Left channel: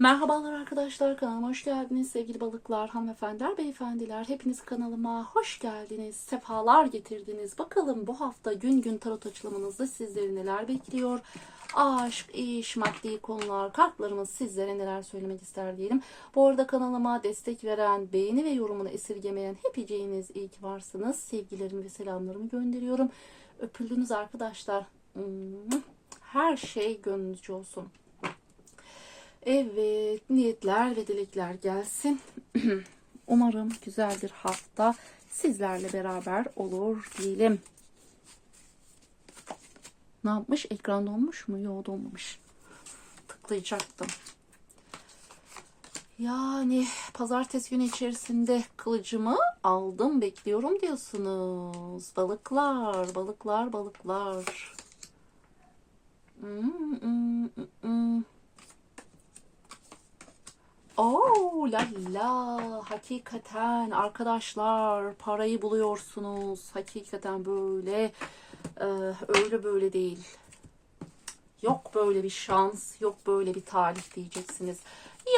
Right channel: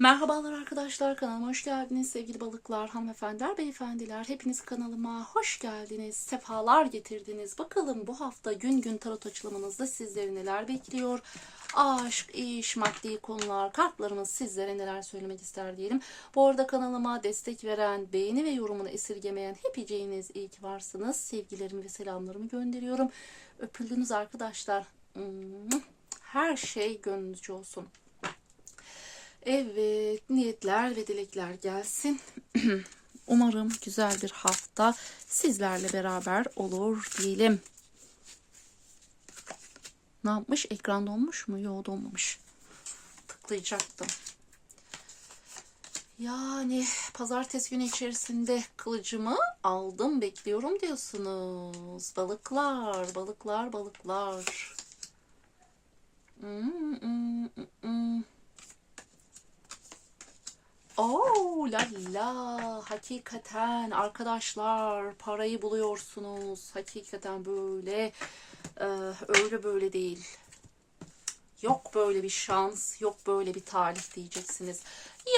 Merhabalar arkadaşlar kanalıma hoş geldiniz sevgili balıklar, hanımefendiler, beyefendiler. Hepiniz kanalıma hoş geldiniz, sefalar getirdiniz. Bakalım bu hafta gün gün tarot açılımınızda sizleri neler bekliyor? Aşk, iş, maddi konular, kartlarımız sizlere neler söylemek ister diyelim. Bu arada kanalıma destek veren, beğeni ve yorumunu esirgemeyen hepiciğiniz iyi ki varsınız. Sevgilerimi ve selamlarımı gönderiyorum. Öpüldünüz arkadaşlar. Her şey gönlünüzce olsun. Evet, niyetler ve dilekler gelsin. Umarım güzel bir hafta sizlerle beraber olur diyelim. Ne yapmış? Ekran donmuş mu? Yok donmamış. Tıklayacaktım. Yani pazartesi günü içerisinde kılıcımı aldım bekliyorum diyorsunuz. Balıklar, balıklar, balıklar. Hmm, hmm, hmm, hmm. Oo la la. Hakikaten arkadaşlar parayı buluyorsunuz. Hakikaten böyle. E, öyle böyle değil. Yok böyle bir şans yok böyle bir talih diyeceksiniz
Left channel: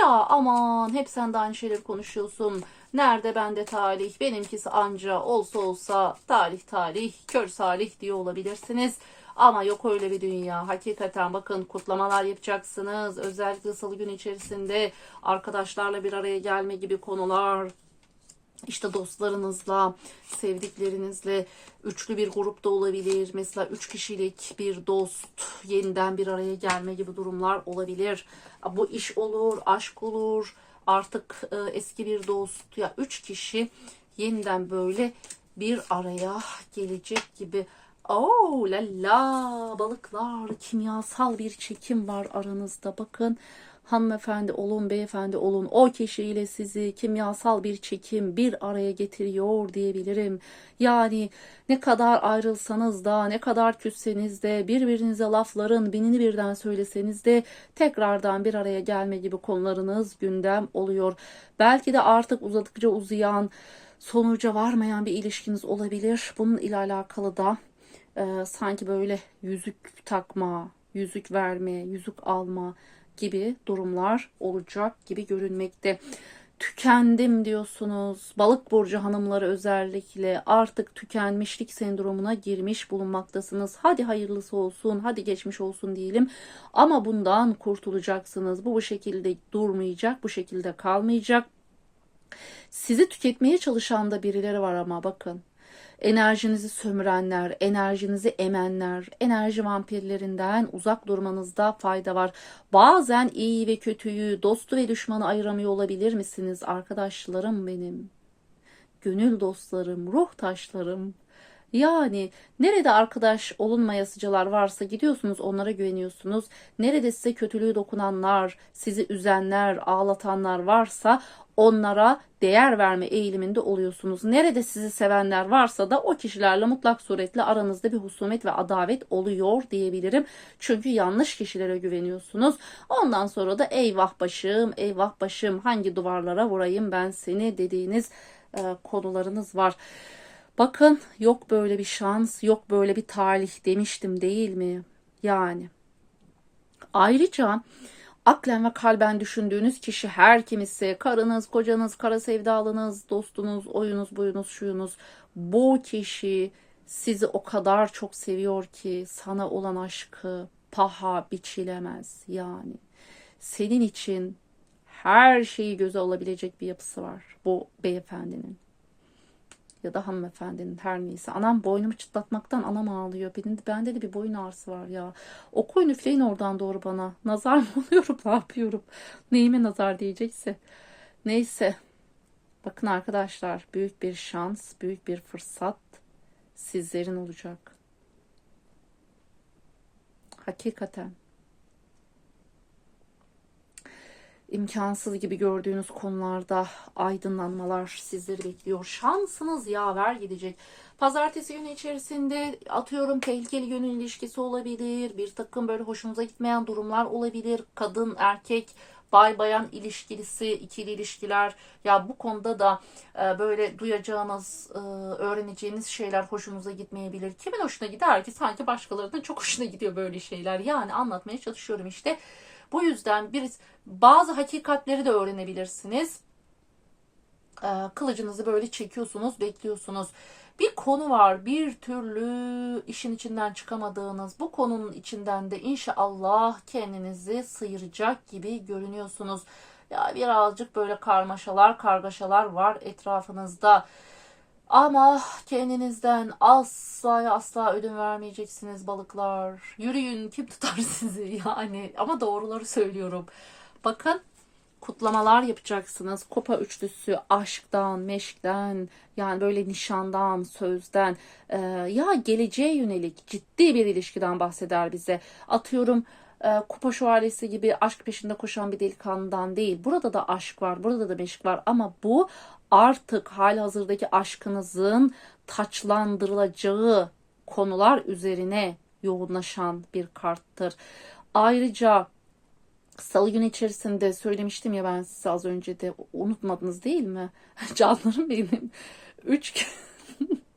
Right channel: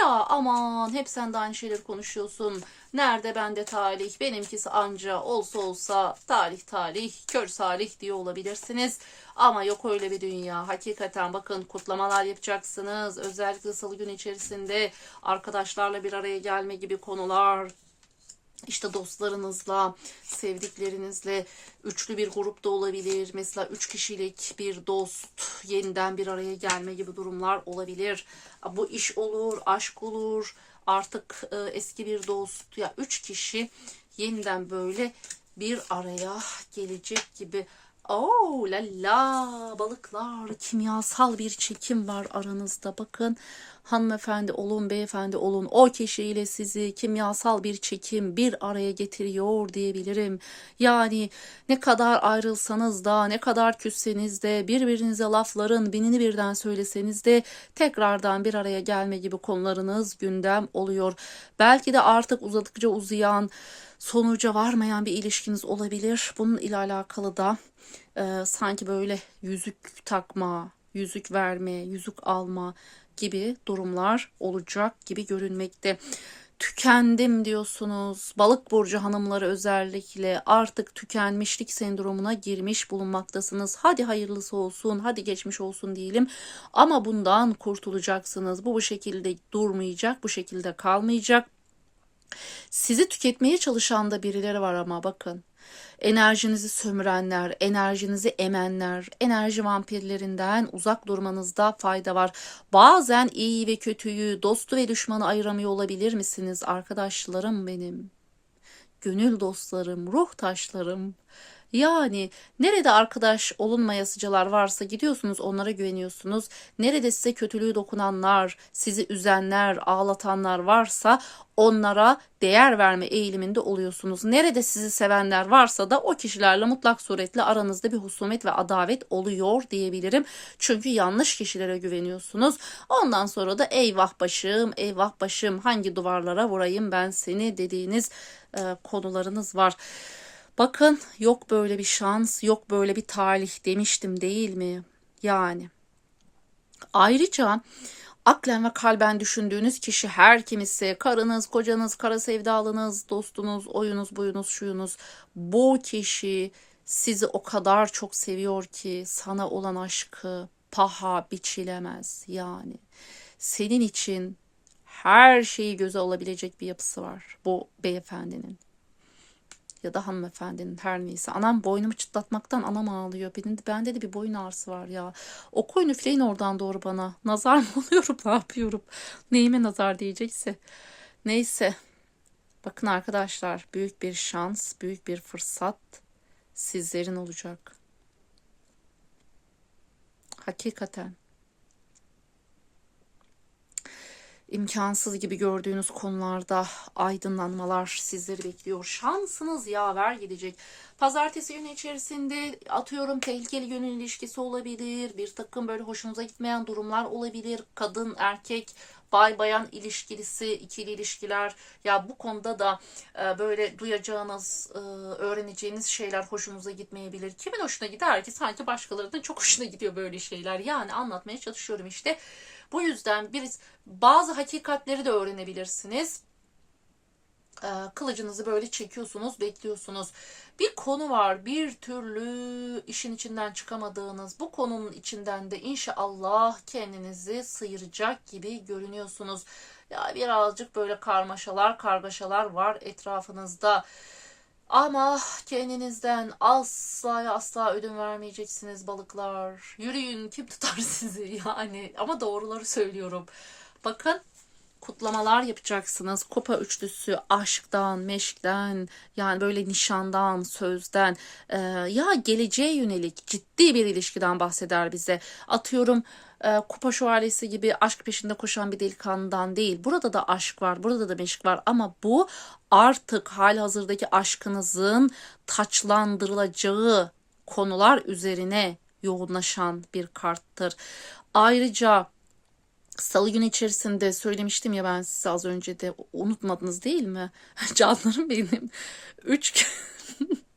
ya aman hep sen de aynı şeyleri konuşuyorsun nerede bende talih benimkisi anca olsa olsa talih talih kör salih diye olabilirsiniz ama yok öyle bir dünya. Hakikaten bakın kutlamalar yapacaksınız. Özellikle salı günü içerisinde arkadaşlarla bir araya gelme gibi konular. İşte dostlarınızla, sevdiklerinizle üçlü bir grupta olabilir. Mesela üç kişilik bir dost yeniden bir araya gelme gibi durumlar olabilir. Bu iş olur, aşk olur. Artık e, eski bir dost ya üç kişi yeniden böyle bir araya gelecek gibi Oo la la balıklar kimyasal bir çekim var aranızda bakın hanımefendi olun beyefendi olun o kişiyle sizi kimyasal bir çekim bir araya getiriyor diyebilirim. Yani ne kadar ayrılsanız da ne kadar küsseniz de birbirinize lafların binini birden söyleseniz de tekrardan bir araya gelme gibi konularınız gündem oluyor. Belki de artık uzadıkça uzayan sonuca varmayan bir ilişkiniz olabilir. Bunun ile alakalı da e, sanki böyle yüzük takma, yüzük verme, yüzük alma gibi durumlar olacak gibi görünmekte. Tükendim diyorsunuz. Balık burcu hanımları özellikle artık tükenmişlik sendromuna girmiş bulunmaktasınız. Hadi hayırlısı olsun, hadi geçmiş olsun diyelim. Ama bundan kurtulacaksınız. Bu bu şekilde durmayacak, bu şekilde kalmayacak. Sizi tüketmeye çalışan da birileri var ama bakın enerjinizi sömürenler, enerjinizi emenler, enerji vampirlerinden uzak durmanızda fayda var. Bazen iyi ve kötüyü, dostu ve düşmanı ayıramıyor olabilir misiniz arkadaşlarım benim? Gönül dostlarım, ruh taşlarım. Yani nerede arkadaş olunmayasıcılar varsa gidiyorsunuz onlara güveniyorsunuz. Nerede size kötülüğü dokunanlar, sizi üzenler, ağlatanlar varsa onlara değer verme eğiliminde oluyorsunuz. Nerede sizi sevenler varsa da o kişilerle mutlak suretle aranızda bir husumet ve adavet oluyor diyebilirim. Çünkü yanlış kişilere güveniyorsunuz. Ondan sonra da eyvah başım, eyvah başım hangi duvarlara vurayım ben seni dediğiniz e, konularınız var. Bakın yok böyle bir şans, yok böyle bir talih demiştim değil mi? Yani. Ayrıca aklen ve kalben düşündüğünüz kişi her kimisi, karınız, kocanız, kara sevdalınız, dostunuz, oyunuz, buyunuz, şuyunuz. Bu kişi sizi o kadar çok seviyor ki sana olan aşkı paha biçilemez yani. Senin için her şeyi göze alabilecek bir yapısı var bu beyefendinin ya da hanımefendinin her neyse. Anam boynumu çıtlatmaktan anam ağlıyor. Benim, bende de bir boyun ağrısı var ya. Okuyun üfleyin oradan doğru bana. Nazar mı oluyorum ne yapıyorum? Neyime nazar diyecekse. Neyse. Bakın arkadaşlar büyük bir şans, büyük bir fırsat sizlerin olacak. Hakikaten. İmkansız gibi gördüğünüz konularda aydınlanmalar sizleri bekliyor. Şansınız yaver gidecek. Pazartesi günü içerisinde atıyorum tehlikeli gönül ilişkisi olabilir. Bir takım böyle hoşunuza gitmeyen durumlar olabilir. Kadın, erkek, bay bayan ilişkisi, ikili ilişkiler ya bu konuda da e, böyle duyacağınız, e, öğreneceğiniz şeyler hoşunuza gitmeyebilir. Kimin hoşuna gider ki sanki başkalarının çok hoşuna gidiyor böyle şeyler. Yani anlatmaya çalışıyorum işte Bu yüzden bir bazı hakikatleri de öğrenebilirsiniz. Ee, kılıcınızı böyle çekiyorsunuz, bekliyorsunuz. Bir konu var, bir türlü işin içinden çıkamadığınız. Bu konunun içinden de inşallah kendinizi sıyıracak gibi görünüyorsunuz. Ya birazcık böyle karmaşalar, kargaşalar var etrafınızda. Ama kendinizden asla asla ödün vermeyeceksiniz balıklar. Yürüyün kim tutar sizi yani. Ama doğruları söylüyorum. Bakın kutlamalar yapacaksınız. Kupa üçlüsü aşktan, meşkten, yani böyle nişandan, sözden e, ya geleceğe yönelik ciddi bir ilişkiden bahseder bize. Atıyorum e, kupa şövalyesi gibi aşk peşinde koşan bir delikanlıdan değil. Burada da aşk var, burada da meşk var ama bu artık halihazırdaki aşkınızın taçlandırılacağı konular üzerine yoğunlaşan bir karttır. Ayrıca Salı günü içerisinde söylemiştim ya ben size az önce de unutmadınız değil mi? Canlarım benim. Üç,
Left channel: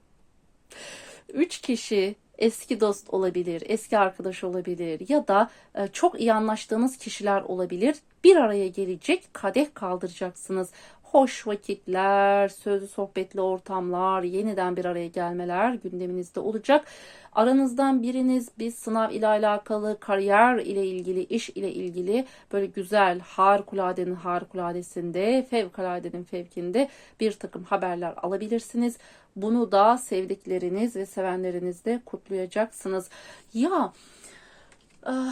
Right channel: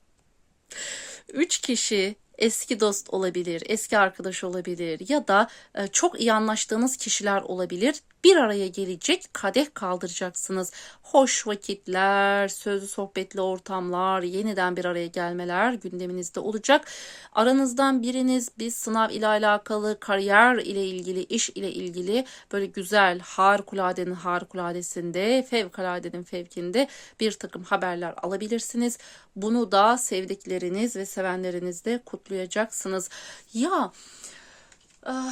üç kişi eski dost olabilir, eski arkadaş olabilir ya da e, çok iyi anlaştığınız kişiler olabilir. Bir araya gelecek, kadeh kaldıracaksınız. Hoş vakitler, sözlü sohbetli ortamlar, yeniden bir araya gelmeler gündeminizde olacak. Aranızdan biriniz bir sınav ile alakalı, kariyer ile ilgili, iş ile ilgili böyle güzel, harikuladenin harikuladesinde, fevkaladenin fevkinde bir takım haberler alabilirsiniz. Bunu da sevdikleriniz ve sevenlerinizle kutlayacaksınız. Ya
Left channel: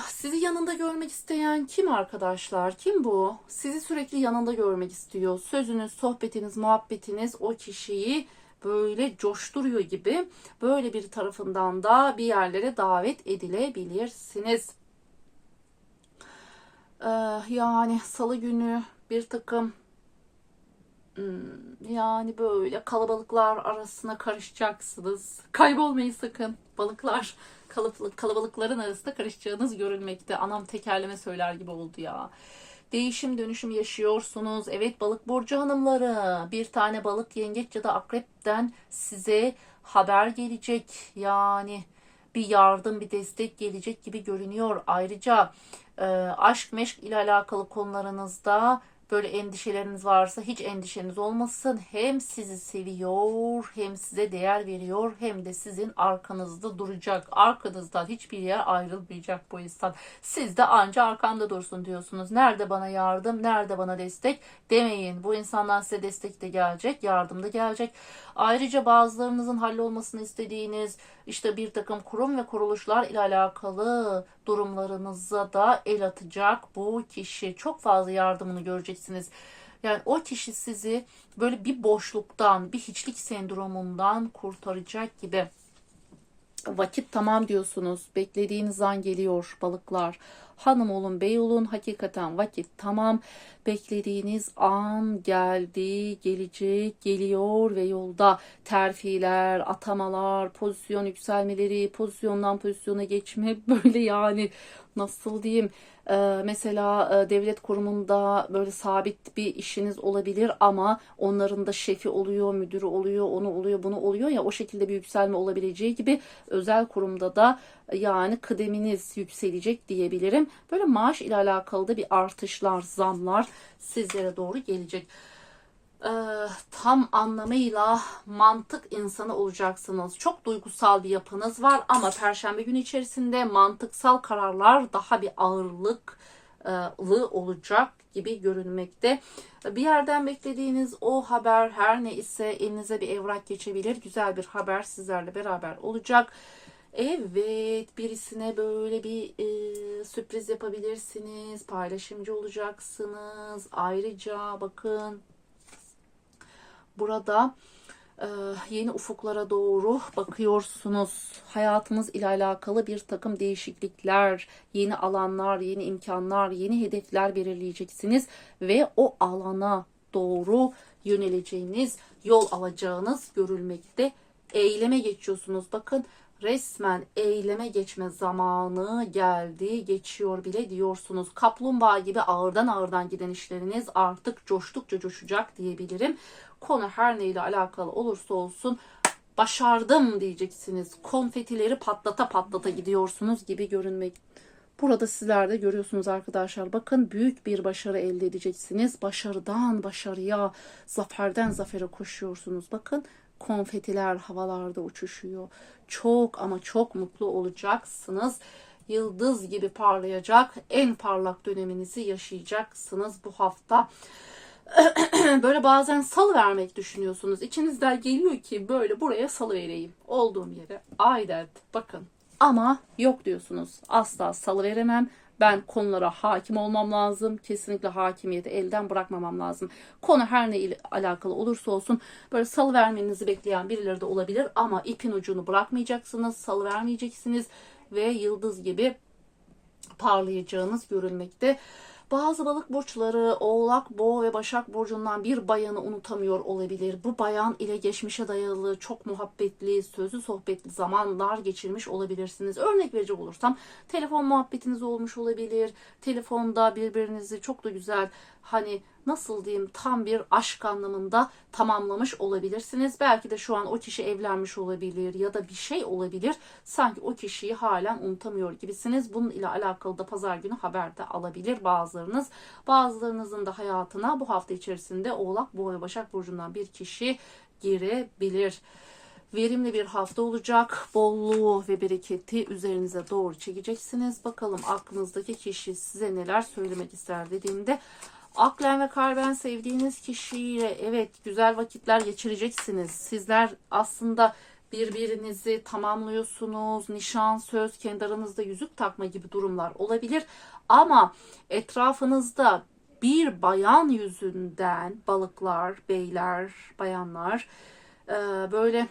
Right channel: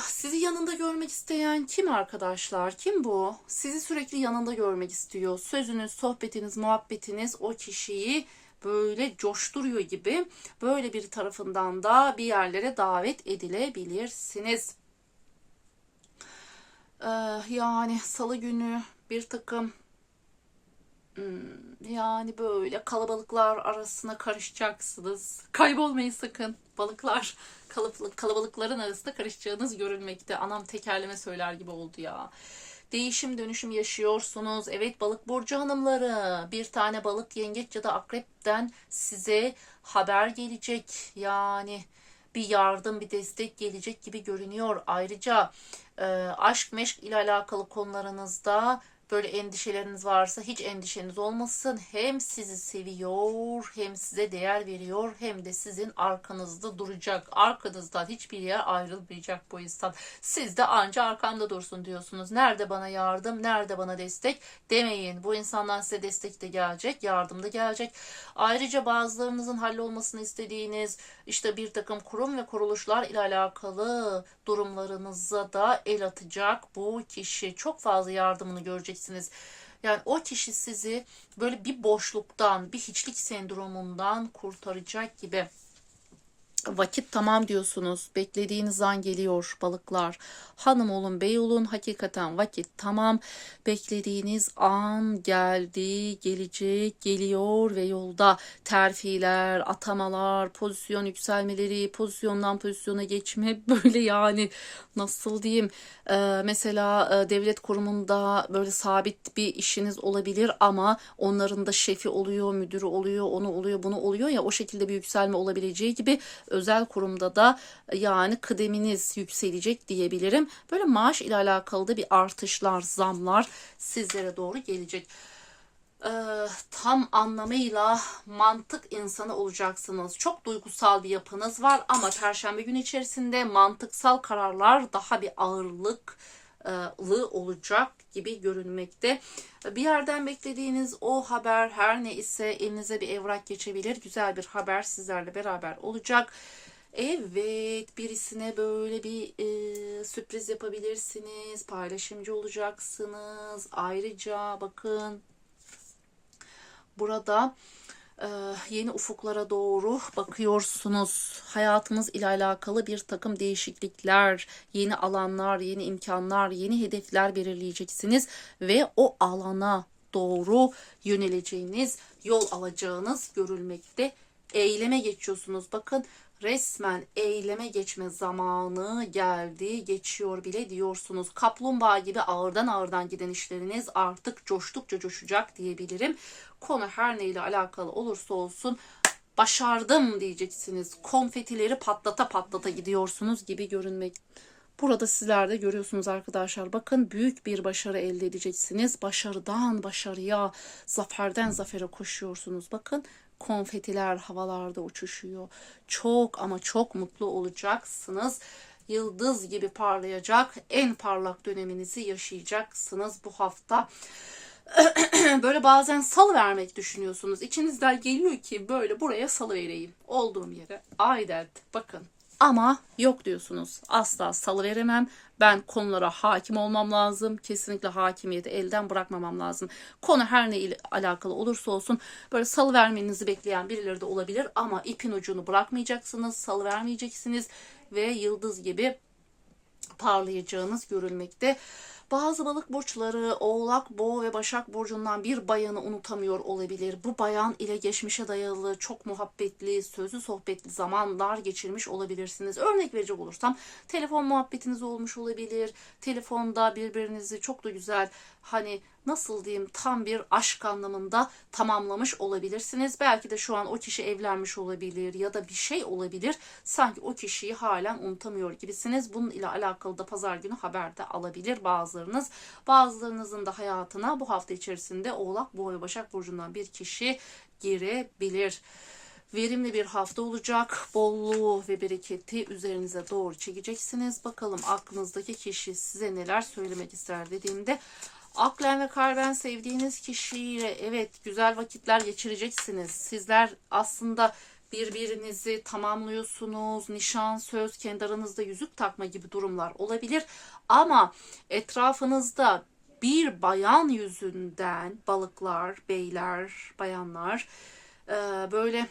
sizi yanında görmek isteyen kim arkadaşlar? Kim bu? Sizi sürekli yanında görmek istiyor. Sözünüz, sohbetiniz, muhabbetiniz o kişiyi böyle coşturuyor gibi böyle bir tarafından da bir yerlere davet edilebilirsiniz. Ah, Yani salı günü bir takım Hmm, yani böyle kalabalıklar arasına karışacaksınız. Kaybolmayın sakın. Balıklar kalabalık, kalabalıkların arasında karışacağınız görülmekte. Anam tekerleme söyler gibi oldu ya. Değişim dönüşüm yaşıyorsunuz. Evet balık burcu hanımları. Bir tane balık yengeç ya da akrepten size haber gelecek. Yani bir yardım, bir destek gelecek gibi görünüyor. Ayrıca e, aşk meşk ile alakalı konularınızda böyle endişeleriniz varsa hiç endişeniz olmasın. Hem sizi seviyor, hem size değer veriyor, hem de sizin arkanızda duracak. Arkanızdan hiçbir yer ayrılmayacak bu insan. Siz de anca arkamda dursun diyorsunuz. Nerede bana yardım, nerede bana destek demeyin. Bu insandan size destek de gelecek, yardım da gelecek. Ayrıca bazılarınızın hallolmasını istediğiniz işte bir takım kurum ve kuruluşlar ile alakalı durumlarınıza da el atacak bu kişi. Çok fazla yardımını göreceksiniz. Yani o kişi sizi böyle bir boşluktan, bir hiçlik sendromundan kurtaracak gibi. Vakit tamam diyorsunuz. Beklediğiniz an geliyor balıklar. Hanım olun, bey olun. Hakikaten vakit tamam. Beklediğiniz an geldi, gelecek, geliyor ve yolda terfiler, atamalar, pozisyon yükselmeleri, pozisyondan pozisyona geçme böyle yani nasıl diyeyim Ee, mesela e, devlet kurumunda böyle sabit bir işiniz olabilir ama onların da şefi oluyor, müdürü oluyor, onu oluyor, bunu oluyor ya o şekilde bir yükselme olabileceği gibi özel kurumda da e, yani kıdeminiz yükselecek diyebilirim. Böyle maaş ile alakalı da bir artışlar, zamlar sizlere doğru gelecek. Ee, tam anlamıyla mantık insanı olacaksınız. Çok duygusal bir yapınız var ama perşembe günü içerisinde mantıksal kararlar daha bir ağırlıklı olacak gibi görünmekte. Bir yerden beklediğiniz o haber her ne ise elinize bir evrak geçebilir. Güzel bir haber sizlerle beraber olacak. Evet, birisine böyle bir e, sürpriz yapabilirsiniz. Paylaşımcı olacaksınız. Ayrıca bakın burada yeni ufuklara doğru bakıyorsunuz. Hayatınız ile alakalı bir takım değişiklikler, yeni alanlar, yeni imkanlar, yeni hedefler belirleyeceksiniz ve o alana doğru yöneleceğiniz, yol alacağınız görülmekte. Eyleme geçiyorsunuz. Bakın resmen eyleme geçme zamanı geldi, geçiyor bile diyorsunuz. Kaplumbağa gibi ağırdan ağırdan giden işleriniz artık coştukça coşacak diyebilirim. Konu her neyle alakalı olursa olsun başardım diyeceksiniz. Konfetileri patlata patlata gidiyorsunuz gibi görünmek. Burada sizler de görüyorsunuz arkadaşlar. Bakın büyük bir başarı elde edeceksiniz. Başarıdan başarıya, zaferden zafere koşuyorsunuz. Bakın konfetiler havalarda uçuşuyor. Çok ama çok mutlu olacaksınız. Yıldız gibi parlayacak en parlak döneminizi yaşayacaksınız bu hafta. böyle bazen salı vermek düşünüyorsunuz. İçinizden geliyor ki böyle buraya salı vereyim. Olduğum yere. Ay dert. Bakın. Ama yok diyorsunuz. Asla salı veremem. Ben konulara hakim olmam lazım. Kesinlikle hakimiyeti elden bırakmamam lazım. Konu her ne ile alakalı olursa olsun böyle salı vermenizi bekleyen birileri de olabilir. Ama ipin ucunu bırakmayacaksınız. Salı vermeyeceksiniz. Ve yıldız gibi parlayacağınız görülmekte. Bazı balık burçları Oğlak, Boğa ve Başak burcundan bir bayanı unutamıyor olabilir. Bu bayan ile geçmişe dayalı çok muhabbetli, sözlü sohbetli zamanlar geçirmiş olabilirsiniz. Örnek verecek olursam telefon muhabbetiniz olmuş olabilir. Telefonda birbirinizi çok da güzel hani nasıl diyeyim tam bir aşk anlamında tamamlamış olabilirsiniz. Belki de şu an o kişi evlenmiş olabilir ya da bir şey olabilir. Sanki o kişiyi halen unutamıyor gibisiniz. Bunun ile alakalı da pazar günü haber de alabilir bazılarınız. Bazılarınızın da hayatına bu hafta içerisinde Oğlak, Boğa Başak Burcu'ndan bir kişi girebilir. Verimli bir hafta olacak. Bolluğu ve bereketi üzerinize doğru çekeceksiniz. Bakalım aklınızdaki kişi size neler söylemek ister dediğimde Aklen ve kalben sevdiğiniz kişiyle evet güzel vakitler geçireceksiniz. Sizler aslında birbirinizi tamamlıyorsunuz. Nişan, söz, kendi aranızda yüzük takma gibi durumlar olabilir. Ama etrafınızda bir bayan yüzünden balıklar, beyler, bayanlar e, böyle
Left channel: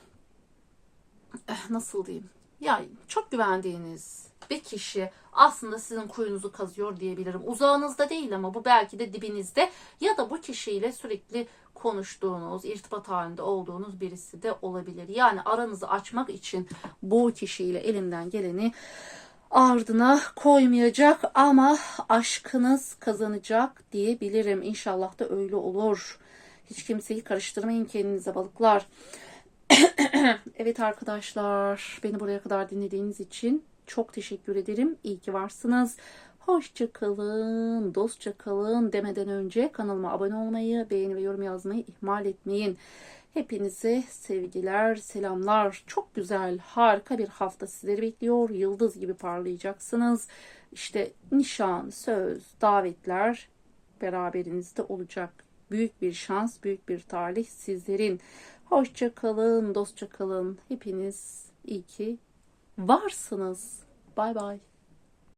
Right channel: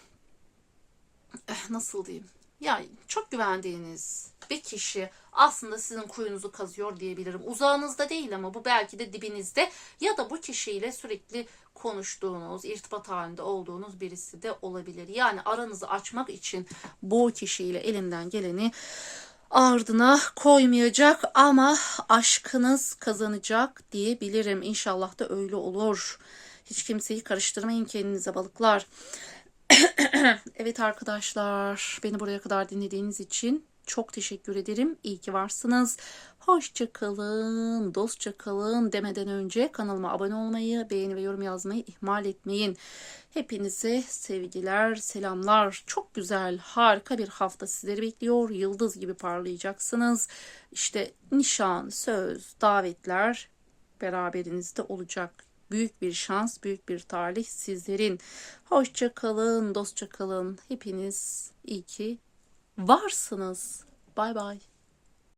eh, nasıl diyeyim? Yani çok güvendiğiniz bir kişi aslında sizin kuyunuzu kazıyor diyebilirim. Uzağınızda değil ama bu belki de dibinizde ya da bu kişiyle sürekli konuştuğunuz, irtibat halinde olduğunuz birisi de olabilir. Yani aranızı açmak için bu kişiyle elinden geleni ardına koymayacak ama aşkınız kazanacak diyebilirim. İnşallah da öyle olur. Hiç kimseyi karıştırmayın kendinize balıklar. evet arkadaşlar beni buraya kadar dinlediğiniz için çok teşekkür ederim. İyi ki varsınız. Hoşça kalın, dostça kalın demeden önce kanalıma abone olmayı, beğeni ve yorum yazmayı ihmal etmeyin. Hepinize sevgiler, selamlar. Çok güzel, harika bir hafta sizleri bekliyor. Yıldız gibi parlayacaksınız. İşte nişan, söz, davetler beraberinizde olacak. Büyük bir şans, büyük bir talih sizlerin. Hoşça kalın, dostça kalın. Hepiniz iyi ki varsınız. Bay bay.